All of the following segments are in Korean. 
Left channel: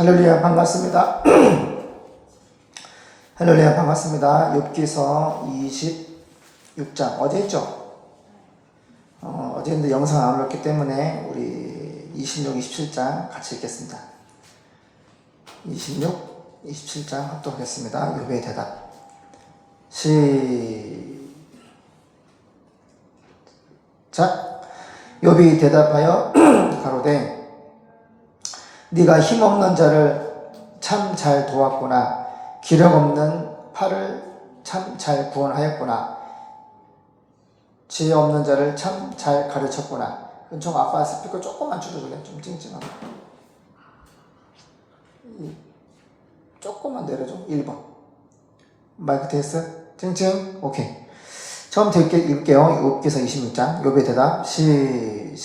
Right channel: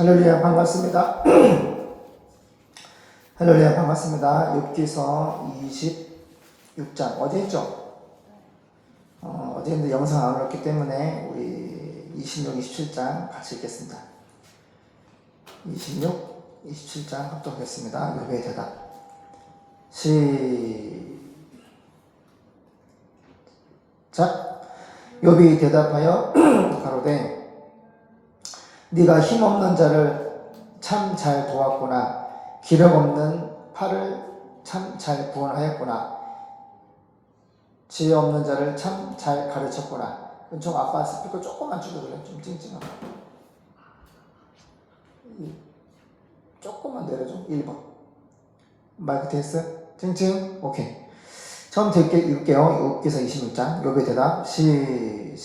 할렐루야 반갑습니다. 할렐루야 반갑습니다. 욥기서 26장 어제 했죠? 어제 했는데 영상 안 올렸기 때문에 우리 26, 27장 같이 읽겠습니다. 26, 27장 합독하겠습니다. 욥의 대답 시작. 욥이 대답하여 가로되 네가 힘없는 자를 참 잘 도왔구나. 기력 없는 팔을 참 잘 구원하였구나. 지혜 없는 자를 참 잘 가르쳤구나. 은총 아빠 스피커 조금만 줄여볼래? 좀 찡찡하게. 조금만 내려줘. 1번. 마이크 테스트. 찡찡. 오케이. 처음부터 읽게요. 욥기서 26장. 욥의 대답. 시작.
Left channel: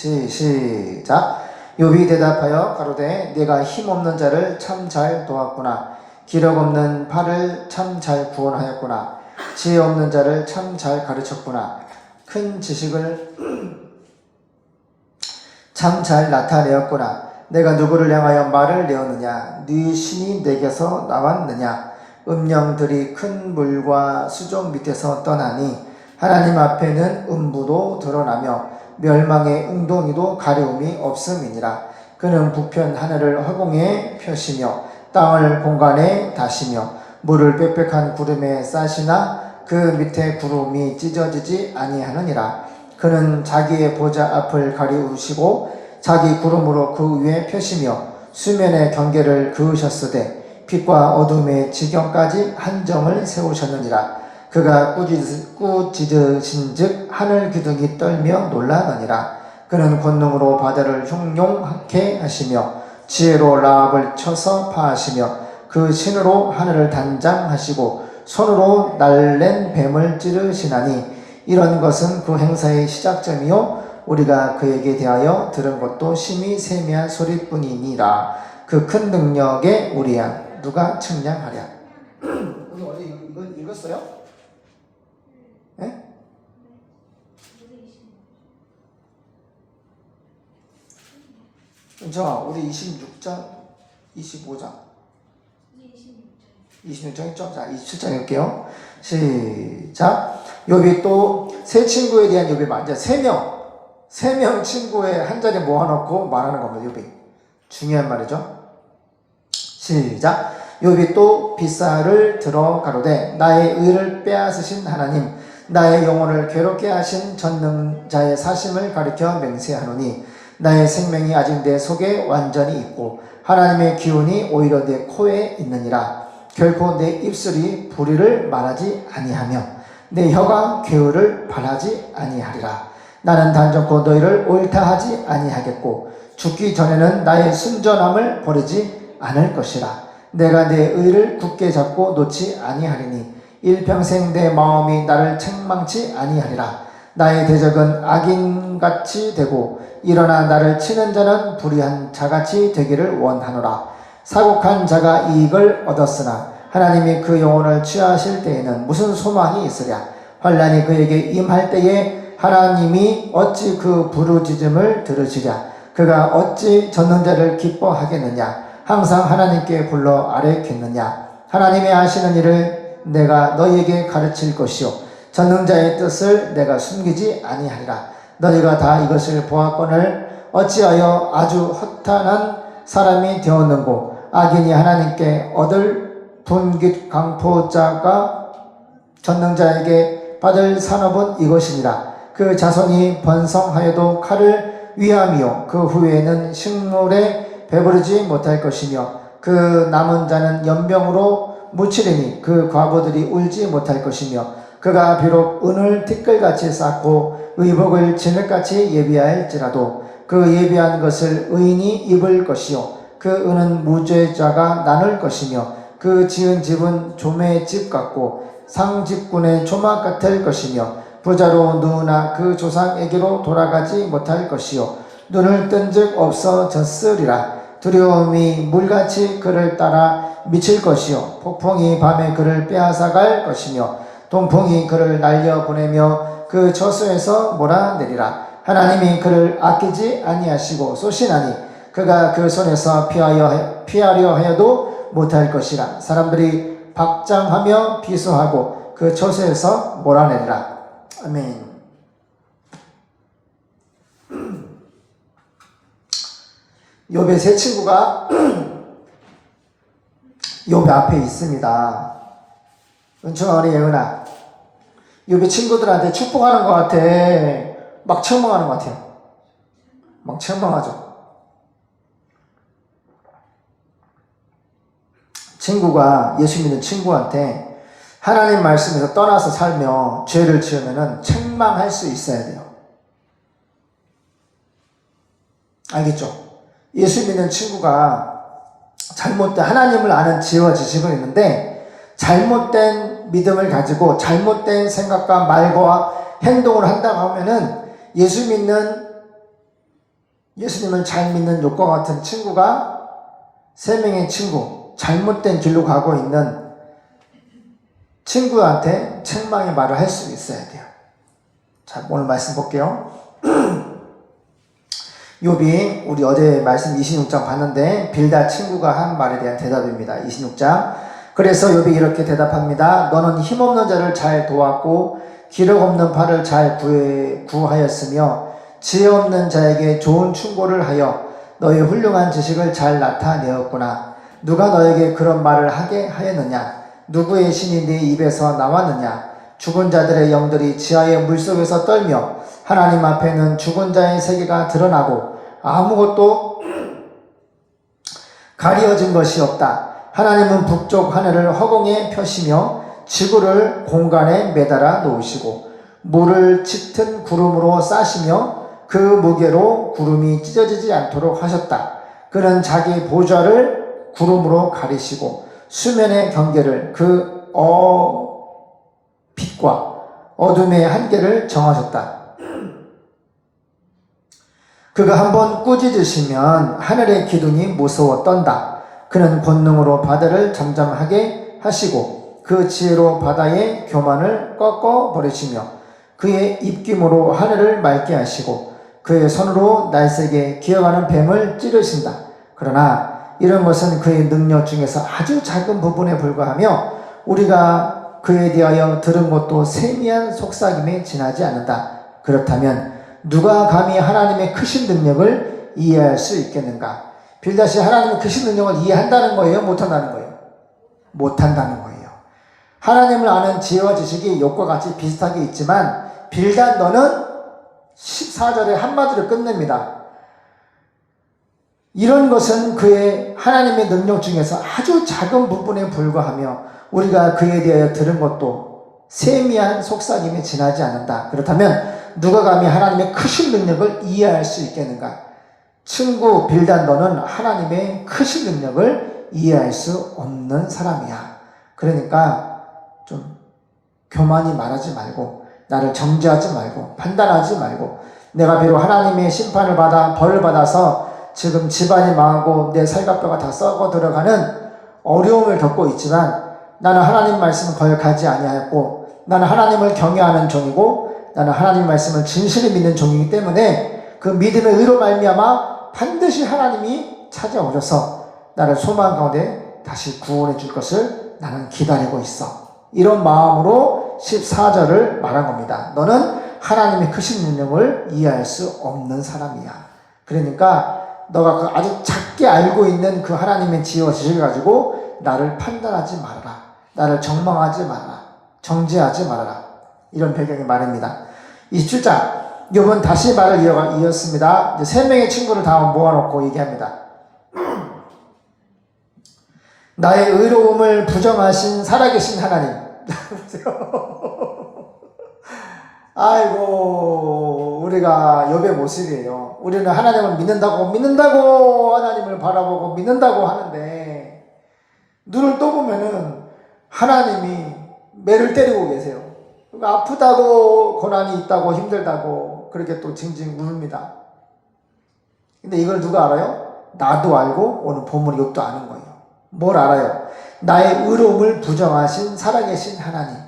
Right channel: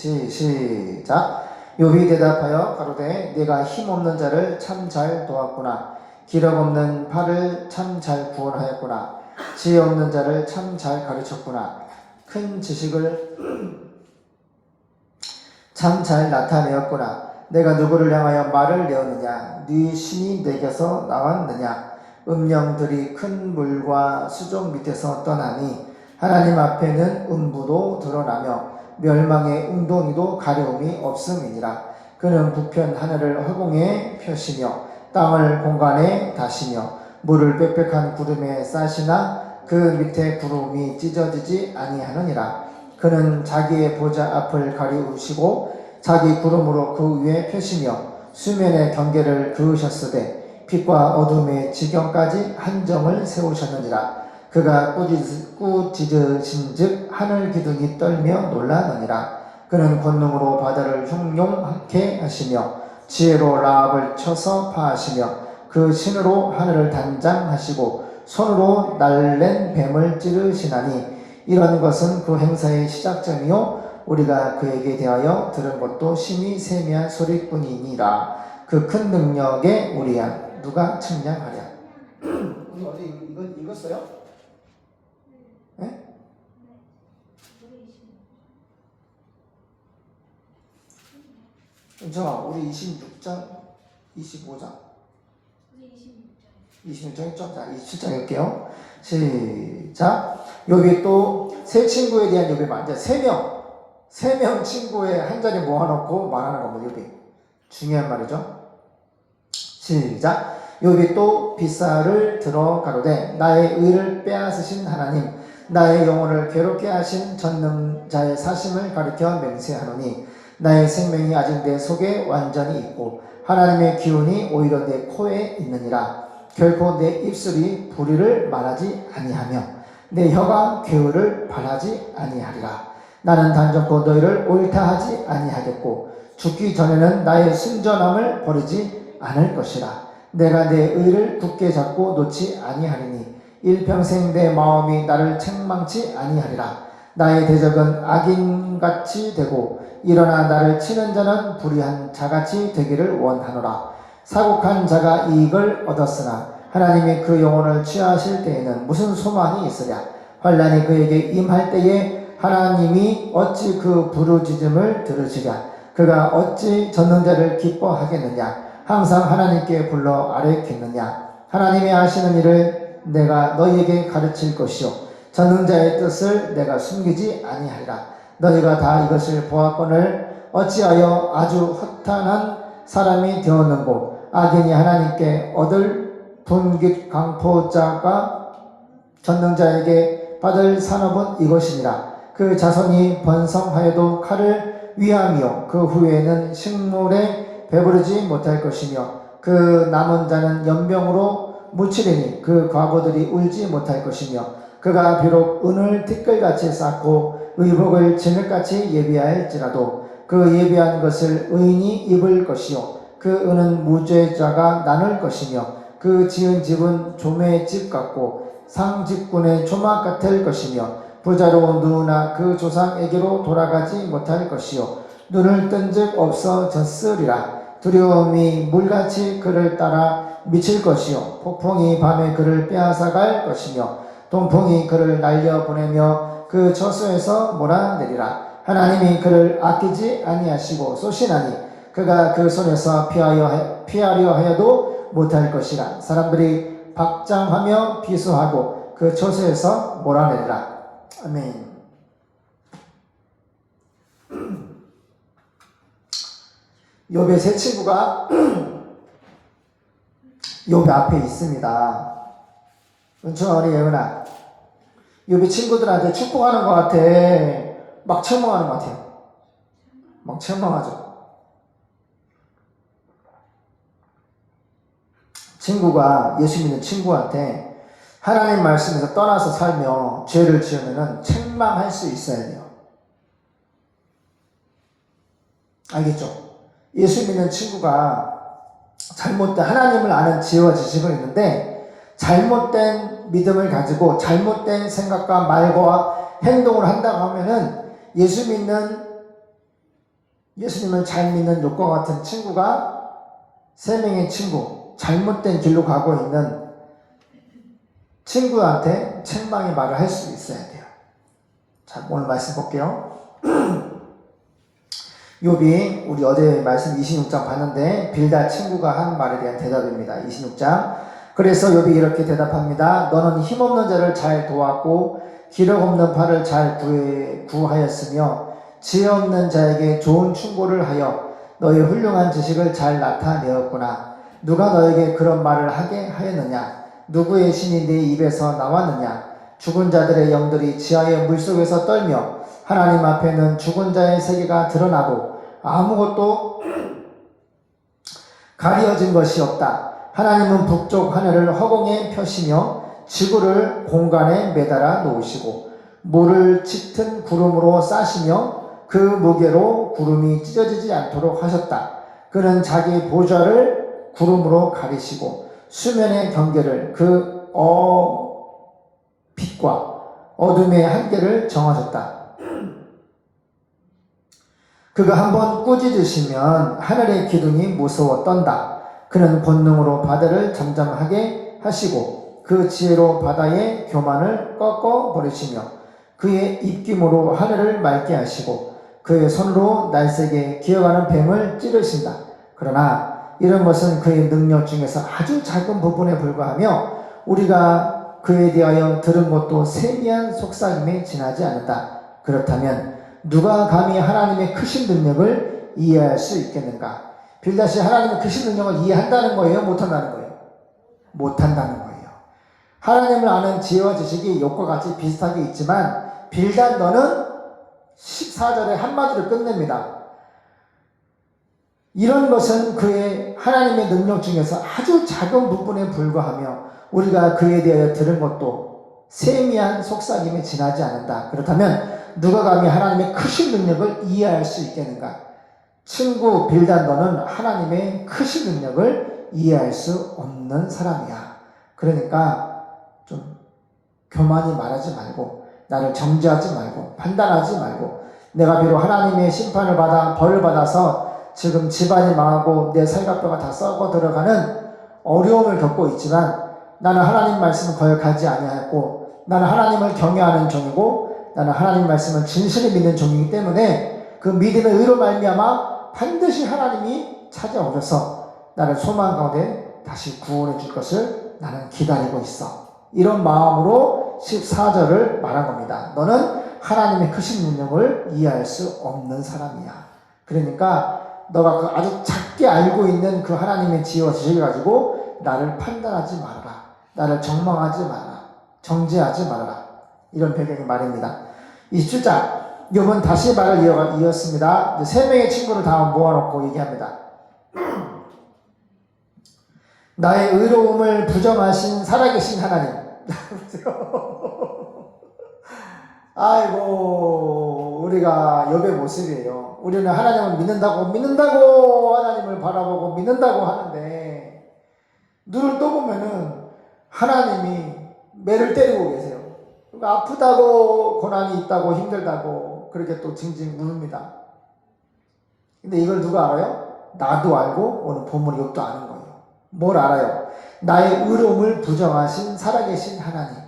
욥이 대답하여 가로되 네가 힘없는 자를 참 잘 도왔구나. 기력 없는 팔을 참 잘 구원하였구나. 지혜 없는 자를 참 잘 가르쳤구나. 큰 지식을 참 잘 나타내었구나. 내가 누구를 향하여 말을 내었느냐? 네 신이 내게서 나왔느냐? 음령들이 큰 물과 수족 밑에서 떠나니 하나님 앞에는 음부도 드러나며 멸망의 웅덩이도 가려움이 없음이니라. 그는 부편 하늘을 허공에 펴시며 땅을 공간에 다시며 물을 빽빽한 구름에 싸시나 그 밑에 구름이 찢어지지 아니하느니라. 그는 자기의 보좌 앞을 가리우시고 자기 구름으로 그 위에 펴시며 수면의 경계를 그으셨으되 빛과 어둠의 지경까지 한정을 세우셨느니라. 그가 꾸짖으신즉 하늘 기둥이 떨며 놀라느니라. 그는 권능으로 바다를 형용하게 하시며 지혜로 라합을 쳐서 파하시며 그 신으로 하늘을 단장하시고 손으로 날랜 뱀을 찌르시나니 이런 것은 그 행사의 시작점이요 우리가 그에게 대하여 들은 것도 심히 세미한 소리뿐이니라. 그 큰 능력에 우리야 누가 측량하랴. 오늘 어제 이거 읽었어요? 네? 자, 우리 26장, 25장. 26장 했죠? 자, 27장 할게요. 시작. 욥이 또 세 친구에 대한 욥이 많죠. 세 명 친구에 한 자리 모아놓고 말하는 겁니다. 욥이. 중요한 말이죠. 시작. 욥이 또 빗살을 들어 가로되 나의 의를 빼앗으신 하나님, 나의 영혼을 괴롭게 하신 전능자의 사심을 가리켜 맹세하노니 나의 생명이 아직 내 속에 완전히 있고 하나님의 기운이 오히려 내 코에 있느니라. 결코 내 입술이 불의를 말하지 아니하며 내 혀가 괴울을 바라지 아니하리라. 나는 단정코 너희를 옳다 하지 아니하겠고 죽기 전에는 나의 순전함을 버리지 않을 것이라. 내가 내 의를 굳게 잡고 놓지 아니하리니 일평생 내 마음이 나를 책망치 아니하리라. 나의 대적은 악인같이 되고 일어나 나를 치는 자는 불의한 자같이 되기를 원하노라. 사곡한 자가 이익을 얻었으나 하나님이 그 영혼을 취하실 때에는 무슨 소망이 있으랴. 환난이 그에게 임할 때에 하나님이 어찌 그 부르짖음을 들으시랴. 그가 어찌 젖는 자를 기뻐하겠느냐. 항상 하나님께 불러 아뢰겠느냐. 하나님의 하시는 일을 내가 너희에게 가르칠 것이요 전능자의 뜻을 내가 숨기지 아니하리라. 너희가 다 이것을 보았거늘 어찌하여 아주 허탄한 사람이 되었는고 악인이 하나님께 얻을 분깃 강포자가 전능자에게 받을 산업은 이것이니라. 그 자손이 번성하여도 칼을 위함이요 그 후에는 식물에 배부르지 못할 것이며 그 남은 자는 연병으로 묻히리니 그 과부들이 울지 못할 것이며 그가 비록 은을 티끌같이 쌓고 의복을 진흙같이 예비할지라도 그 예비한 것을 의인이 입을 것이요 그 은은 무죄자가 나눌 것이며 그 지은 집은 조매의 집 같고 상집군의 조막 같을 것이며 부자로 누우나 그 조상에게로 돌아가지 못할 것이요 눈을 뜬 즉 없어졌으리라. 두려움이 물같이 그를 따라 미칠 것이요 폭풍이 밤에 그를 빼앗아갈 것이며 동풍이 그를 날려보내며 그 저수에서 몰아내리라. 하나님이 그를 아끼지 아니하시고 쏘시나니 그가 그 손에서 피하려 하여도 못할 것이라. 사람들이 박장하며 비수하고 그 처소에서 몰아내리라. 아멘. 욥의 세 친구가 욥 앞에 있습니다. 은총아, 우리 예은아, 욥의 친구들한테 축복하는 것 같아? 막 책망하는 것 같아요. 막 책망하죠. 친구가, 예수 믿는 친구한테 하나님 말씀에서 떠나서 살며 죄를 지으면 책망할 수 있어야 돼요. 알겠죠? 예수 믿는 친구가 잘못된, 하나님을 아는 지혜와 지식은 있는데 잘못된 믿음을 가지고 잘못된 생각과 말과 행동을 한다고 하면은 예수님을 잘 믿는 욥과 같은 친구가, 세 명의 친구, 잘못된 길로 가고 있는 친구한테 책망의 말을 할 수 있어야 돼요. 자, 오늘 말씀 볼게요. 욥이 우리 어제 말씀 26장 봤는데 빌닷 친구가 한 말에 대한 대답입니다. 26장. 그래서 욥이 이렇게 대답합니다. 너는 힘없는 자를 잘 도왔고 기력 없는 팔을 잘 구하였으며 지혜 없는 자에게 좋은 충고를 하여 너의 훌륭한 지식을 잘 나타내었구나. 누가 너에게 그런 말을 하게 하였느냐? 누구의 신이 네 입에서 나왔느냐? 죽은 자들의 영들이 지하의 물속에서 떨며 하나님 앞에는 죽은 자의 세계가 드러나고 아무것도 가려진 것이 없다. 하나님은 북쪽 하늘을 허공에 펴시며 지구를 공간에 매달아 놓으시고 물을 짙은 구름으로 싸시며 그 무게로 구름이 찢어지지 않도록 하셨다. 그는 자기 보좌를 구름으로 가리시고 수면의 경계를 그 빛과 어둠의 한계를 정하셨다. 그가 한번 꾸짖으시면 하늘의 기둥이 무서워 떤다. 그는 본능으로 바다를 잠잠하게 하시고 그 지혜로 바다의 교만을 꺾어 버리시며 그의 입김으로 하늘을 맑게 하시고 그의 손으로 날쌔게 기어가는 뱀을 찌르신다. 그러나 이런 것은 그의 능력 중에서 아주 작은 부분에 불과하며 우리가 그에 대하여 들은 것도 세미한 속삭임에 지나지 않는다. 그렇다면 누가 감히 하나님의 크신 능력을 이해할 수 있겠는가? 빌닷이 하나님의 크신 능력을 이해한다는 거예요? 못한다는 거예요? 못한다는 거예요. 하나님을 아는 지혜와 지식이 욥과 같이 비슷하게 있지만 빌닷 너는 14절에 한마디로 끝냅니다. 이런 것은 그의 하나님의 능력 중에서 아주 작은 부분에 불과하며 우리가 그에 대하여 들은 것도 세미한 속삭임에 지나지 않는다. 그렇다면 누가 감히 하나님의 크신 능력을 이해할 수 있겠는가? 친구 빌닷 너는 하나님의 크신 능력을 이해할 수 없는 사람이야. 그러니까 좀 교만이 말하지 말고 나를 정죄하지 말고 판단하지 말고 내가 비록 하나님의 심판을 받아 벌을 받아서 지금 집안이 망하고 내 살갑뼈가 다 썩어 들어가는 어려움을 겪고 있지만 나는 하나님 말씀을 거역하지 아니하였고 나는 하나님을 경외하는 종이고 나는 하나님 말씀을 진실히 믿는 종이기 때문에 그 믿음의 의로 말미암아 반드시 하나님이 찾아오셔서 나를 소망 가운데 다시 구원해 줄 것을 나는 기다리고 있어. 이런 마음으로 14절을 말한 겁니다. 너는 하나님의 크신 능력을 이해할 수 없는 사람이야. 그러니까 너가 그 아주 작게 알고 있는 그 하나님의 지혜와 지식을 가지고 나를 판단하지 말아라. 나를 정망하지 말아라. 정죄하지 말아라. 이런 배경의 말입니다. 27장 욥은 다시 말을 이었습니다. 이제 세 명의 친구를 다 모아놓고 얘기합니다. 나의 의로움을 부정하신 살아계신 하나님. 아이고 우리가 욥의 모습이에요. 우리는 하나님을 믿는다고 하나님을 바라보고 믿는다고 하는데 눈을 떠보면은 하나님이 매를 때리고 계세요. 그러니까 아프다고 고난이 있다고 힘들다고 그렇게 또 징징 우릅니다. 근데 이걸 누가 알아요? 나도 알고 오늘 본문 욥도 아는 거예요. 뭘 알아요? 나의 의로움을 부정하신 살아계신 하나님.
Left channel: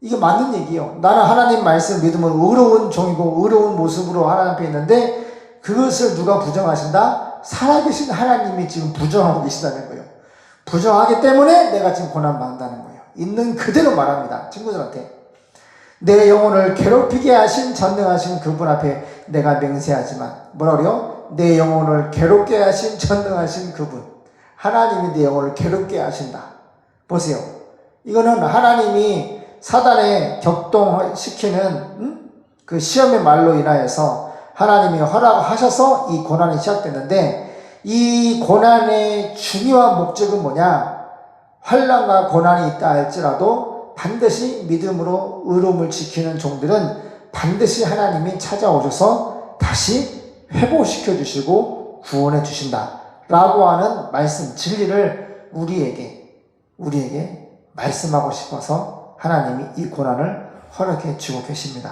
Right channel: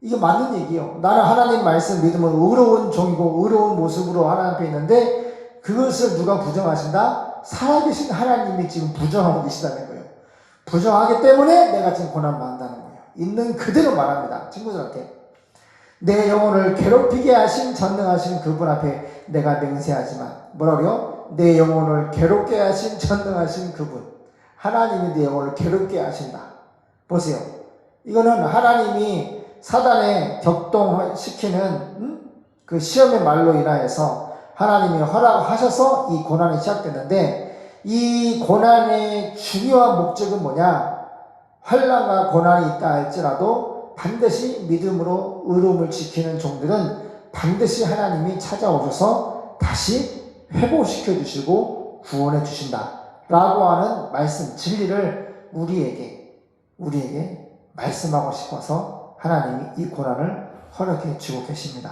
이게 맞는 얘기예요. 나는 하나님 말씀 믿으면 의로운 종이고 의로운 모습으로 하나님 앞에 있는데 그것을 누가 부정하신다? 살아계신 하나님이 지금 부정하고 계시다는 거예요. 부정하기 때문에 내가 지금 고난받는다는 거예요. 있는 그대로 말합니다. 친구들한테. 내 영혼을 괴롭히게 하신 전능하신 그분 앞에 내가 맹세하지만 뭐라고요? 내 영혼을 괴롭게 하신 전능하신 그분. 하나님이 내 영혼을 괴롭게 하신다. 보세요. 이거는 하나님이 사단에 격동시키는 그 시험의 말로 인하여서 하나님이 허락하셔서 이 고난이 시작됐는데, 이 고난의 중요한 목적은 뭐냐? 환난과 고난이 있다 할지라도 반드시 믿음으로 의로움을 지키는 종들은 반드시 하나님이 찾아오셔서 다시 회복시켜 주시고 구원해 주신다 라고 하는 말씀, 진리를 우리에게 말씀하고 싶어서 하나님이 이 고난을 허락해 주고 계십니다.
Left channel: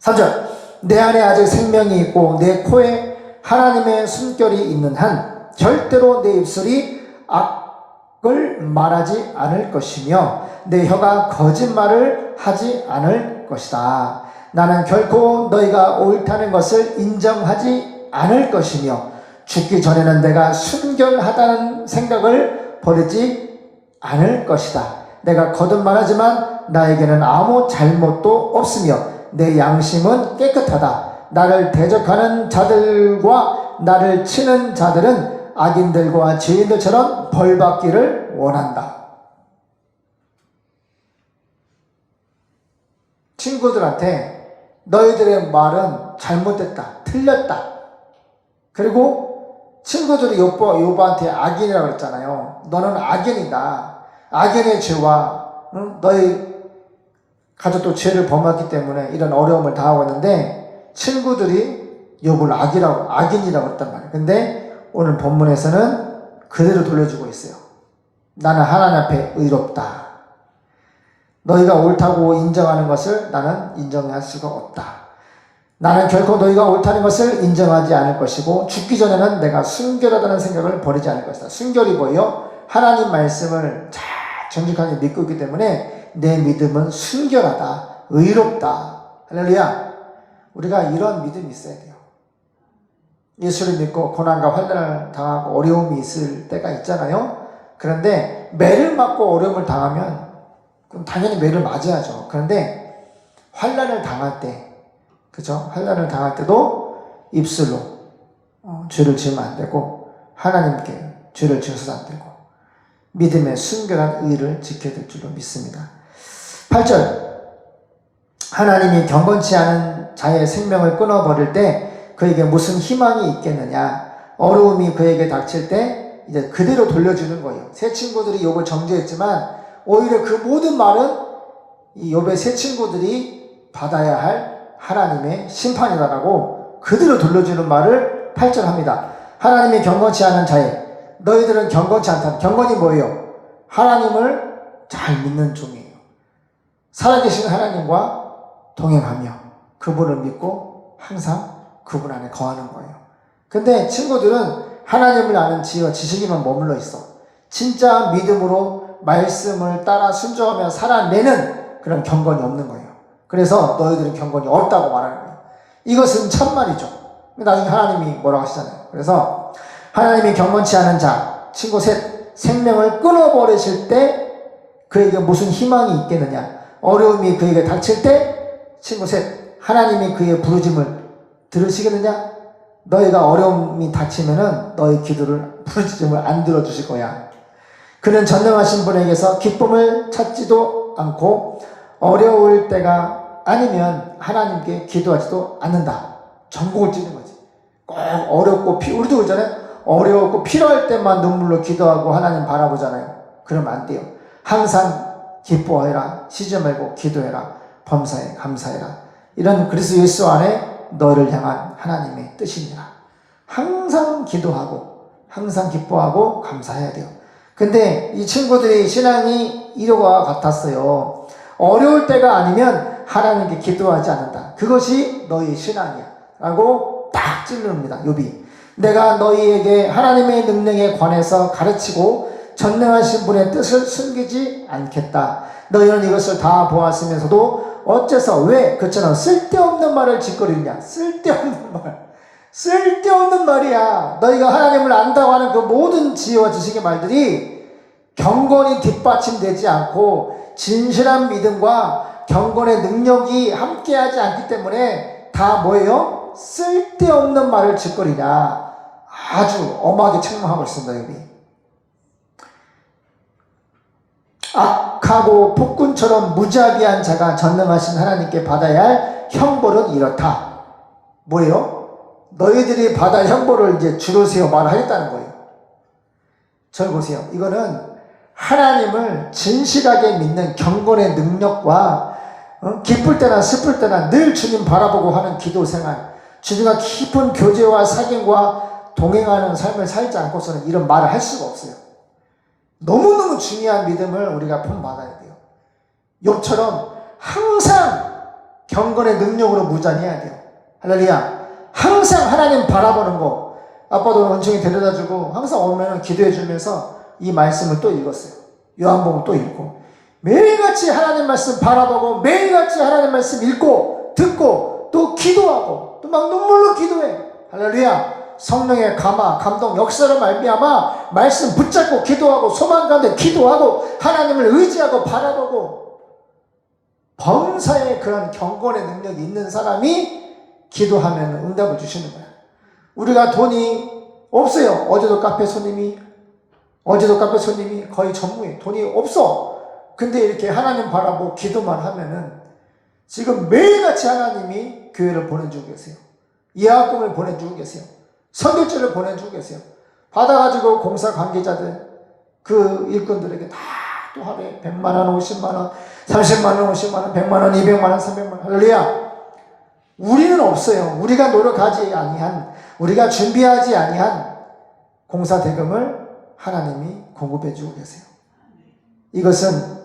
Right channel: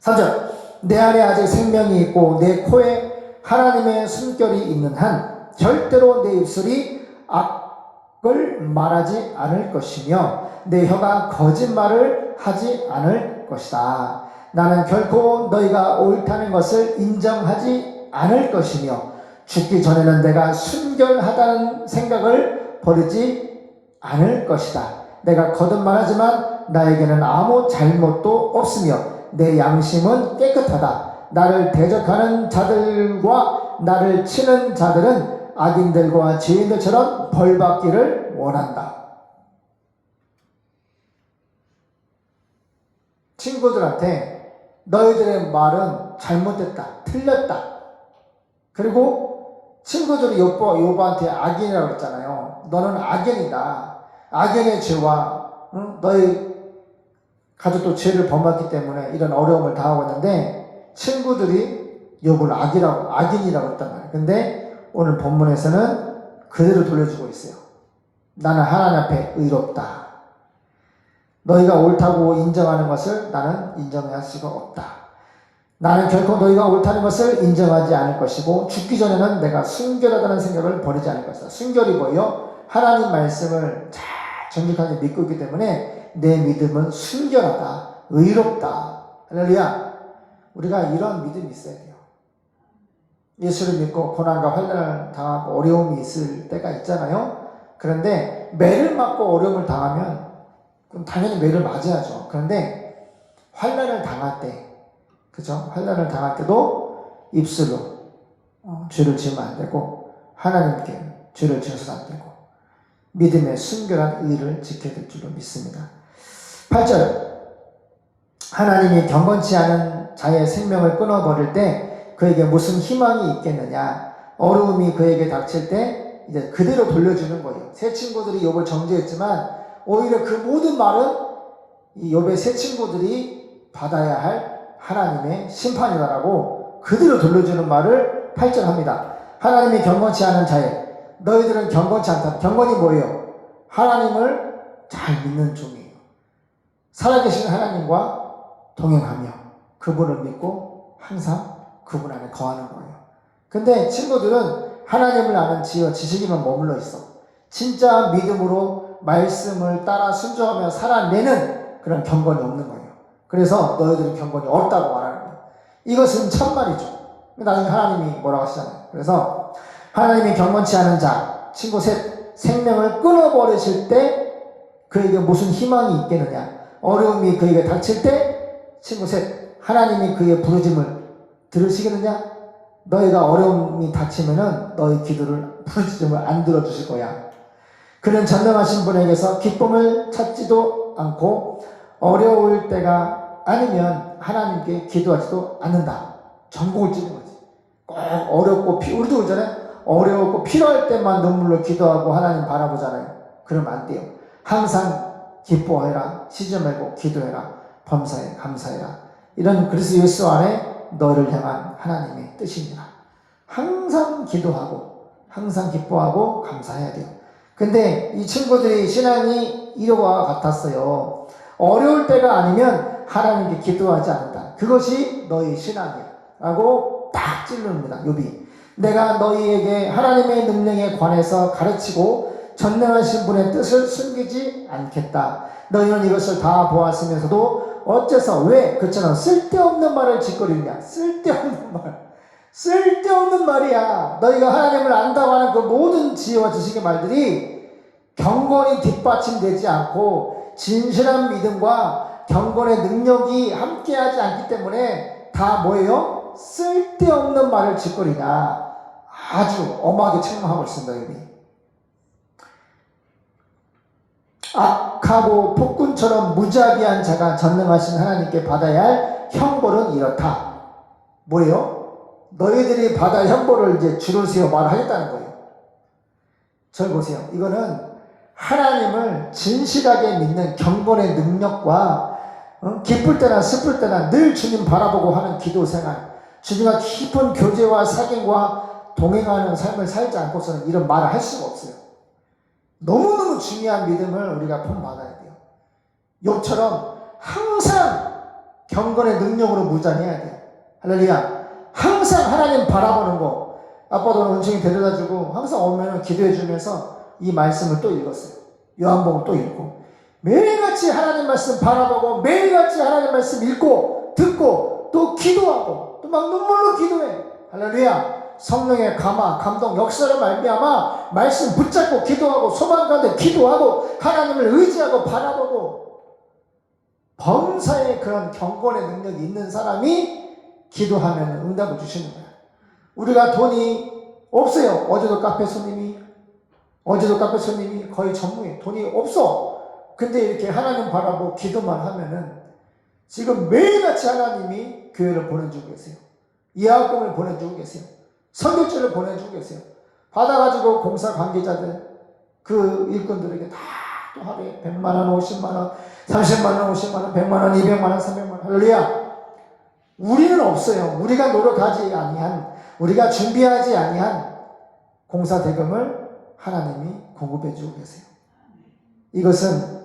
3절, 내 안에 아직 생명이 있고 내 코에 하나님의 숨결이 있는 한 절대로 내 입술이 악을 말하지 않을 것이며 내 혀가 거짓말을 하지 않을 것이다. 나는 결코 너희가 옳다는 것을 인정하지 않을 것이며 죽기 전에는 내가 순결하다는 생각을 버리지 않을 것이다. 내가 거듭말하지만 나에게는 아무 잘못도 없으며 내 양심은 깨끗하다. 나를 대적하는 자들과 나를 치는 자들은 악인들과 죄인들처럼 벌받기를 원한다. 친구들한테 너희들의 말은 잘못됐다, 틀렸다. 그리고 친구들이 요바한테 악인이라고 했잖아요. 너는 악인이다. 악인의 죄와 너희 가족도 죄를 범했기 때문에 이런 어려움을 당하고 있는데 친구들이 욥을 악인이라고 했단 말이에요. 근데 오늘 본문에서는 그대로 돌려주고 있어요. 나는 하나님 앞에 의롭다. 너희가 옳다고 인정하는 것을 나는 인정할 수가 없다. 나는 결코 너희가 옳다는 것을 인정하지 않을 것이고 죽기 전에는 내가 순결하다는 생각을 버리지 않을 것이다. 순결이 뭐예요? 하나님 말씀을 잘 정직하게 믿고 있기 때문에 내 믿음은 순결하다, 의롭다. 할렐루야. 우리가 이런 믿음이 있어야 돼요. 예수를 믿고 고난과 환난을 당하고 어려움이 있을 때가 있잖아요. 그런데 매를 맞고 어려움을 당하면 그럼 당연히 매를 맞아야죠. 그런데 환난을 당할 때, 그죠? 환난을 당할 때도 입술로 죄를 지으면 안 되고 하나님께 죄를 지어서도 안 되고 믿음의 순결한 의를 지켜야 될 줄로 믿습니다. 8절, 하나님이 경건치 않은 자의 생명을 끊어버릴 때 그에게 무슨 희망이 있겠느냐. 어려움이 그에게 닥칠 때 이제 그대로 돌려주는 거예요. 세 친구들이 욥을 정죄했지만 오히려 그 모든 말은 이 욥의 세 친구들이 받아야 할 하나님의 심판이라고 그대로 돌려주는 말을 8절 합니다. 하나님이 경건치 않은 자에 너희들은 경건치 않다. 경건이 뭐예요? 하나님을 잘 믿는 종이에요. 살아계신 하나님과 동행하며 그분을 믿고 항상 그분 안에 거하는 거예요. 근데 친구들은 하나님을 아는 지식에만 머물러 있어. 진짜 믿음으로 말씀을 따라 순종하며 살아내는 그런 경건이 없는 거예요. 그래서 너희들은 경건이 없다고 말하는 거예요. 이것은 천만이죠. 나중에 하나님이 뭐라고 하시잖아요. 그래서 하나님이 경건치 않은 자, 친구 셋, 생명을 끊어버리실 때 그에게 무슨 희망이 있겠느냐. 어려움이 그에게 닥칠 때 친구 셋, 하나님이 그의 부르짐을 들으시겠느냐. 너희가 어려움이 닥치면은 너희 기도를 부르짖음을 안 들어주실 거야. 그는 전능하신 분에게서 기쁨을 찾지도 않고 어려울 때가 아니면 하나님께 기도하지도 않는다. 전곡을 찌는 거지. 꼭 어렵고 우리도 그러잖아요. 어려웠고 필요할 때만 눈물로 기도하고 하나님 바라보잖아요. 그러면 안 돼요. 항상 기뻐해라, 쉬지 말고 기도해라, 범사에 감사해라. 이런 그리스도 예수 안에 너를 향한 하나님의 뜻입니다. 항상 기도하고 항상 기뻐하고 감사해야 돼요. 근데 이 친구들의 신앙이 이러와 같았어요. 어려울 때가 아니면 하나님께 기도하지 않는다. 그것이 너희 신앙이야 라고 딱 찔릅니다. 욥이. 내가 너희에게 하나님의 능력에 관해서 가르치고 전능하신 분의 뜻을 숨기지 않겠다. 너희는 이것을 다 보았으면서도 어째서 왜 그처럼 쓸데없는 말을 짓거리냐. 쓸데없는 말. 쓸데없는 말이야. 너희가 하나님을 안다고 하는 그 모든 지혜와 지식의 말들이 경건이 뒷받침되지 않고 진실한 믿음과 경건의 능력이 함께하지 않기 때문에 다 뭐예요? 쓸데없는 말을 짓거리냐. 아주 엄하게 책망하고 있습니다. 여기. 악하고 폭군처럼 무자비한 자가 전능하신 하나님께 받아야 할 형벌은 이렇다. 뭐예요? 너희들이 받아 형벌을 이제 줄을 세워 말하겠다는 거예요. 저 보세요. 이거는 하나님을 진실하게 믿는 경건의 능력과 기쁠 때나 슬플 때나 늘 주님 바라보고 하는 기도 생활, 주님과 깊은 교제와 사귐과 동행하는 삶을 살지 않고서는 이런 말을 할 수가 없어요. 너무너무 중요한 믿음을 우리가 품받아야 돼요. 욥처럼 항상 경건의 능력으로 무장해야 돼요. 할렐루야. 항상 하나님 바라보는 거. 아빠도 원청이 데려다주고 항상 오면 기도해주면서 이 말씀을 또 읽었어요. 요한복음 또 읽고 매일같이 하나님 말씀 바라보고 매일같이 하나님 말씀 읽고 듣고 또 기도하고 또 막 눈물로 기도해. 할렐루야. 성령의 감화, 감동, 역사를 말미암아 말씀 붙잡고 기도하고 소망 가운데 기도하고 하나님을 의지하고 바라보고 범사에 그런 경건의 능력이 있는 사람이 기도하면 응답을 주시는 거야. 우리가 돈이 없어요. 어제도 카페 손님이 거의 전무해. 돈이 없어. 근데 이렇게 하나님 바라보고 기도만 하면은 지금 매일같이 하나님이 교회를 보내주고 계세요. 예약금을 보내주고 계세요. 선교지를 보내주고 계세요. 받아가지고 공사 관계자들, 그 일꾼들에게 다 또 하루에 100만원, 50만원, 30만원, 50만원, 100만원, 200만원, 300만원. 할렐루야. 우리는 없어요. 우리가 노력하지 아니한, 우리가 준비하지 아니한 공사 대금을 하나님이 공급해 주고 계세요. 이것은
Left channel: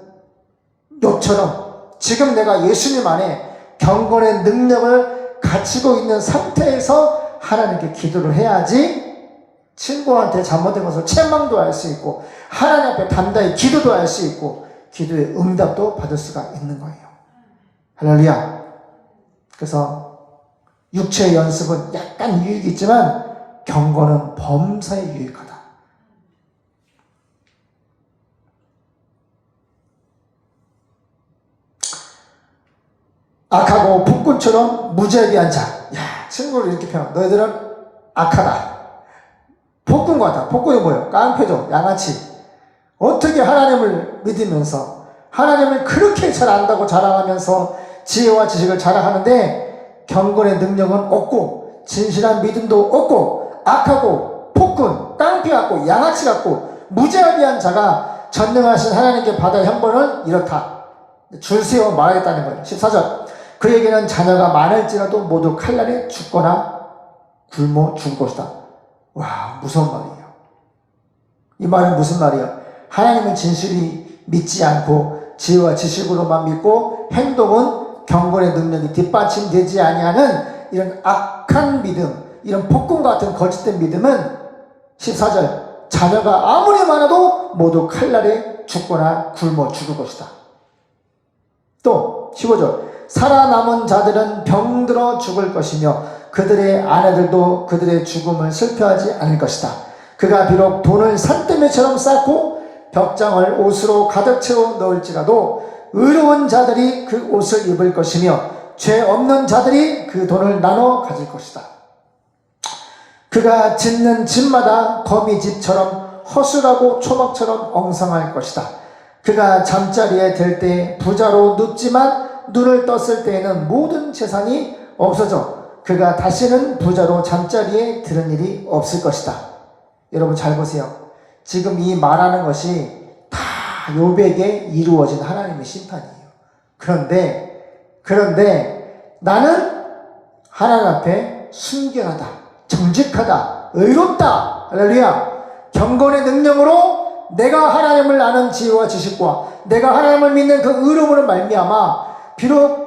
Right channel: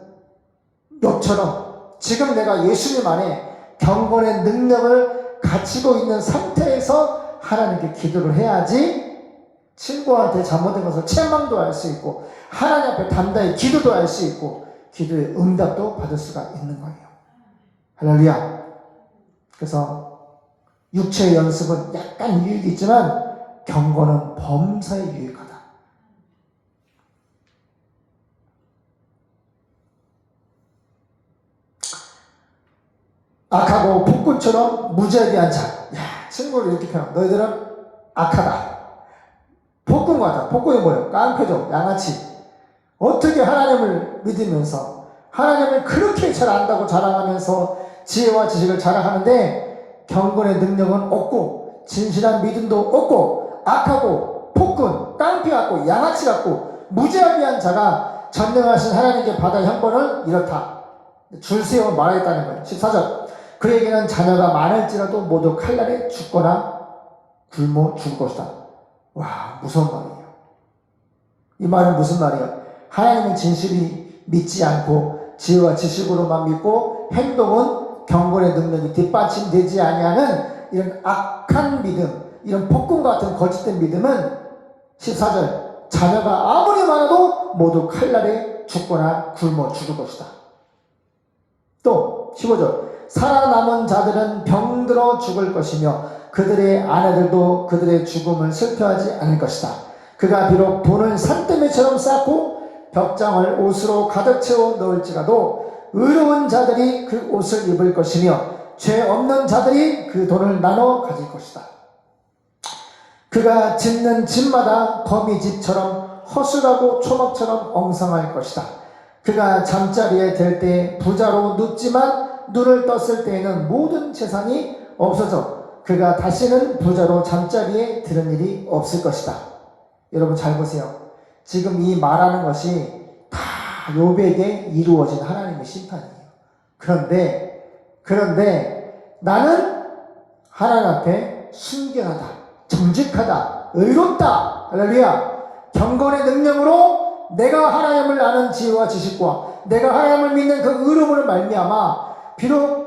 욥처럼 지금 내가 예수님 안에 경건의 능력을 갖추고 있는 상태에서 하나님께 기도를 해야지 친구한테 잘못된 것을 책망도 할 수 있고 하나님 앞에 단단히 기도도 할 수 있고 기도의 응답도 받을 수가 있는 거예요. 할렐루야. 그래서 육체의 연습은 약간 유익이 있지만 경건은 범사에 유익하다. 악하고 폭군처럼 무자비한 자. 야, 친구를 이렇게 표현. 너희들은 악하다. 폭군 같아. 폭군이 뭐예요? 깡패죠. 양아치. 어떻게 하나님을 믿으면서 하나님을 그렇게 잘 안다고 자랑하면서 지혜와 지식을 자랑하는데 경건의 능력은 없고 진실한 믿음도 없고 악하고 폭군, 깡패 같고 양아치 같고 무자비한 자가 전능하신 하나님께 받을 형벌은 이렇다. 줄 세워 말하겠다는 거예요. 14절. 그에게는 자녀가 많을지라도 모두 칼날에 죽거나 굶어 죽을 것이다. 와, 무서운 말이에요. 이 말은 무슨 말이에요? 하나님을 진실히 믿지 않고 지혜와 지식으로만 믿고 행동은 경건의 능력이 뒷받침되지 아니하는 이런 악한 믿음, 이런 폭군 같은 거짓된 믿음은 14절. 자녀가 아무리 많아도 모두 칼날에 죽거나 굶어 죽을 것이다. 또 15절. 살아남은 자들은 병들어 죽을 것이며 그들의 아내들도 그들의 죽음을 슬퍼하지 않을 것이다. 그가 비록 돈을 산더미처럼 쌓고 벽장을 옷으로 가득 채워 넣을지라도 의로운 자들이 그 옷을 입을 것이며 죄 없는 자들이 그 돈을 나눠 가질 것이다. 그가 짓는 집마다 거미집처럼 허술하고 초막처럼 엉성할 것이다. 그가 잠자리에 들 때 부자로 눕지만 눈을 떴을 때에는 모든 재산이 없어져 그가 다시는 부자로 잠자리에 드는 일이 없을 것이다. 여러분 잘 보세요. 지금 이 말하는 것이 다 욥에게 이루어진 하나님의 심판이에요. 그런데 나는 하나님 앞에 순결하다, 정직하다, 의롭다. 할렐루야. 경건의 능력으로 내가 하나님을 아는 지혜와 지식과 내가 하나님을 믿는 그 의로움으로 말미암아 비록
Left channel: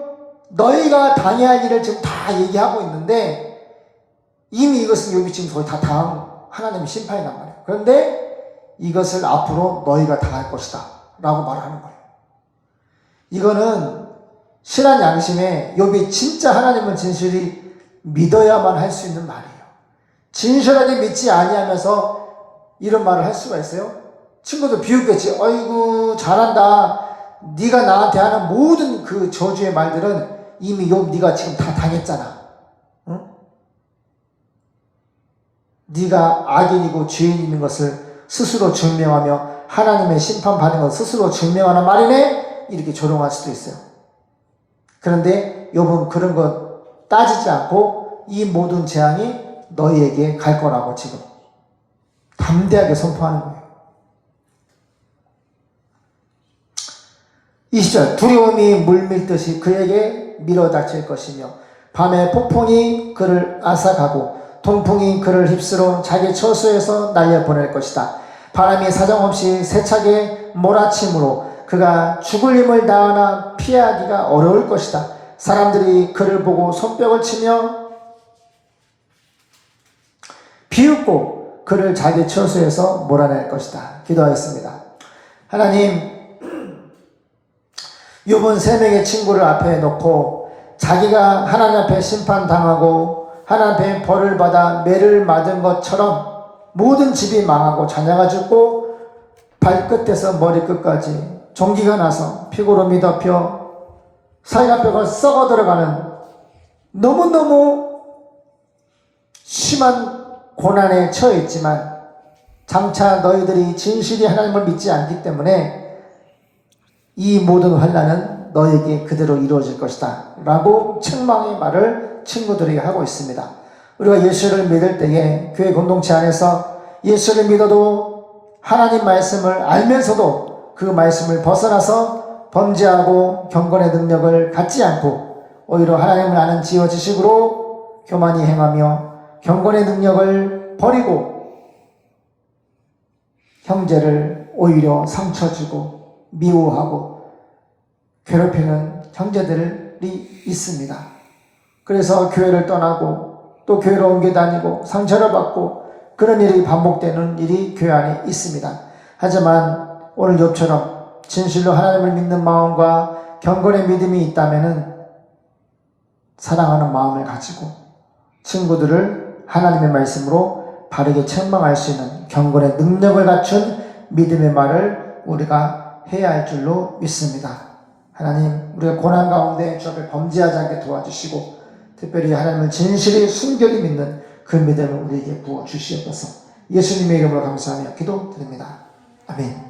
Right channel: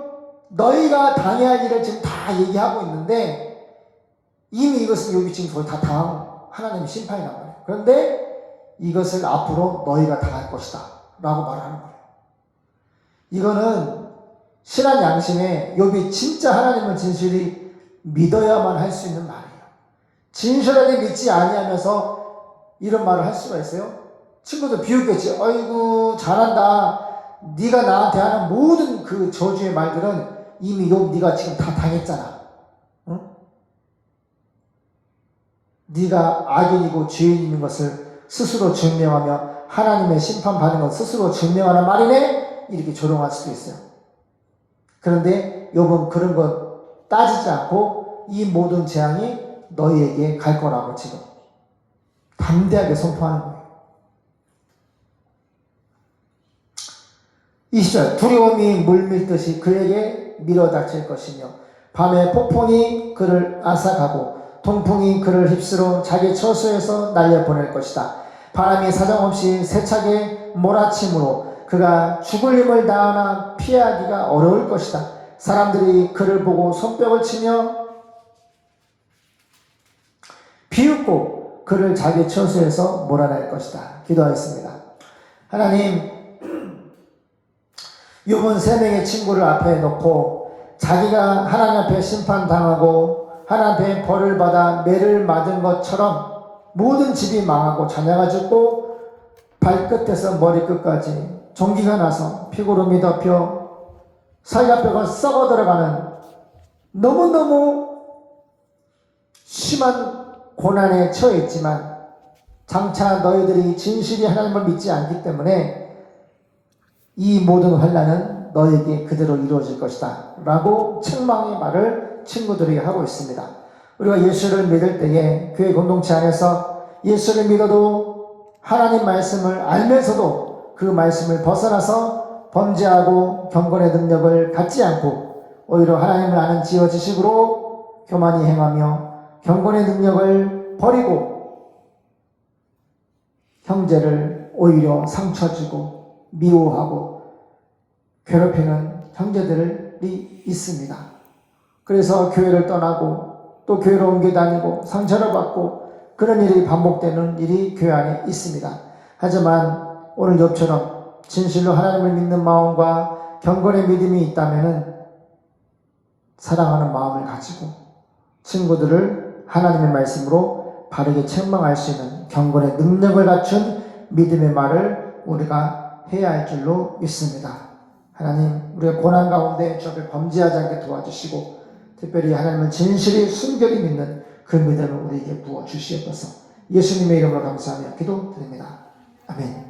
너희가 당해야 할 일을 지금 다 얘기하고 있는데 이미 이것은 욥이 지금 거의 다 당한 하나님의 심판이 난 거예요. 그런데 이것을 앞으로 너희가 다 할 것이다 라고 말하는 거예요. 이거는 신한 양심에 욥이 진짜 하나님을 진실히 믿어야만 할 수 있는 말이에요. 진실하게 믿지 아니하면서 이런 말을 할 수가 있어요? 친구도 비웃겠지. 어이구 잘한다. 네가 나한테 하는 모든 그 저주의 말들은 이미 네가 지금 다 당했잖아. 응? 네가 악인이고 죄인인 것을 스스로 증명하며 하나님의 심판받는 것을 스스로 증명하는 말이네? 이렇게 조롱할 수도 있어요. 그런데 욥은 그런 것 따지지 않고 이 모든 재앙이 너희에게 갈 거라고 지금 담대하게 선포하는 거예요. 20절 두려움이 물밀듯이 그에게 밀어닥칠 것이며 밤에 폭풍이 그를 앗아가고 동풍이 그를 휩쓸어 자기 처소에서 날려보낼 것이다. 바람이 사정없이 세차게 몰아침으로 그가 죽을 힘을 다하나 피하기가 어려울 것이다. 사람들이 그를 보고 손뼉을 치며 비웃고 그를 자기 처소에서 몰아낼 것이다. 기도하겠습니다. 하나님, 욥은 세 명의 친구를 앞에 놓고 자기가 하나님 앞에 심판당하고 하나님 앞에 벌을 받아 매를 맞은 것처럼 모든 집이 망하고 자녀가 죽고 발끝에서 머리끝까지 종기가 나서 피고름이 덮여 사이가뼈가 썩어 들어가는 너무너무 심한 고난에 처해 있지만 장차 너희들이 진실이 하나님을 믿지 않기 때문에 이 모든 환난은 너에게 그대로 이루어질 것이다 라고 책망의 말을 친구들에게 하고 있습니다. 우리가 예수를 믿을 때에 교회 공동체 안에서 예수를 믿어도 하나님 말씀을 알면서도 그 말씀을 벗어나서 범죄하고 경건의 능력을 갖지 않고 오히려 하나님을 아는 지어 지식으로 교만히 행하며 경건의 능력을 버리고 형제를 오히려 상처 주고 미워하고 괴롭히는 형제들이 있습니다. 그래서 교회를 떠나고 또 교회로 옮겨 다니고 상처를 받고 그런 일이 반복되는 일이 교회 안에 있습니다. 하지만 오늘 욥처럼 진실로 하나님을 믿는 마음과 경건의 믿음이 있다면 사랑하는 마음을 가지고 친구들을 하나님의 말씀으로 바르게 책망할 수 있는 경건의 능력을 갖춘 믿음의 말을 우리가 해야 할 줄로 믿습니다. 하나님, 우리가 고난 가운데 주 앞에 범죄하지 않게 도와주시고 특별히 하나님을 진실히 순결히 믿는 그 믿음을 우리에게 부어주시옵소서. 예수님의 이름으로 감사하며 기도드립니다. 아멘.